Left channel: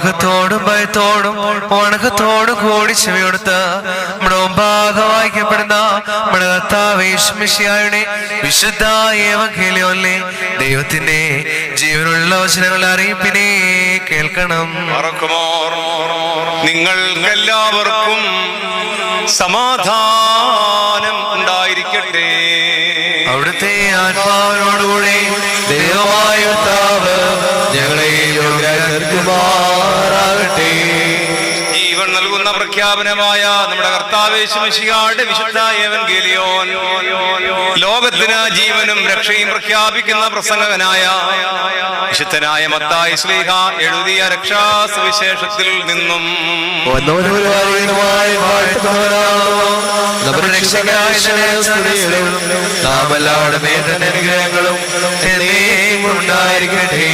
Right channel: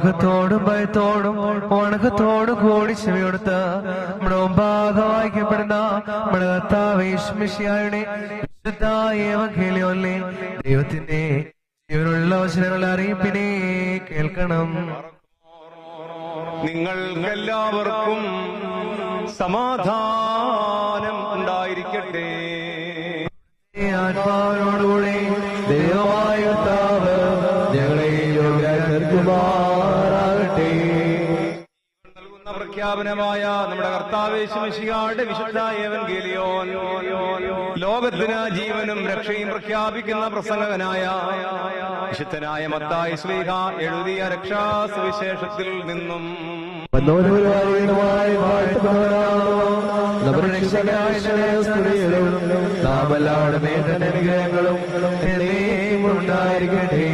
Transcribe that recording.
വണക്കത്തോടും ഭയത്തോടും വണക്കത്തോടും കൂടി ചെവിയെടുത്ത് നമ്മുടെ മുമ്പാകെ വായിക്കപ്പെടുന്ന നമ്മുടെ കർത്താവ് യേശുമിശിഹായുടെ വിശുദ്ധ ഏവങ്കേലിയോനിലെ ദൈവത്തിന്റെ ജീവനുള്ള വചനങ്ങളുടെ അറിയിപ്പിനെ കേൾക്കണം. നിങ്ങൾക്കെല്ലാവർക്കും സമാധാനം ഉണ്ടായിരിക്കട്ടെ. അവിടുത്തെ ആത്മാവിനോടുകൂടി ദൈവമായ കർത്താവ് ഞങ്ങളെ യോഗ്യരാക്കുമാറാകട്ടെ. ജീവൻ നൽകുന്ന പ്രഖ്യാപനമായ നമ്മുടെ കർത്താവ് യേശുമിശിഹായുടെ വിശുദ്ധ ഏവങ്കേലിയോൻ ലോകത്തിന് ജീവനും രക്ഷയും പ്രഖ്യാപിക്കുന്ന പ്രസംഗകനായ വിശുദ്ധനായ മത്തായി ശ്ലീഹ എഴുതിയ രക്ഷാസുവിശേഷത്തിൽ നിന്നും നാം എല്ലാവരുടെ മേലും ഉണ്ടായിരിക്കട്ടെ.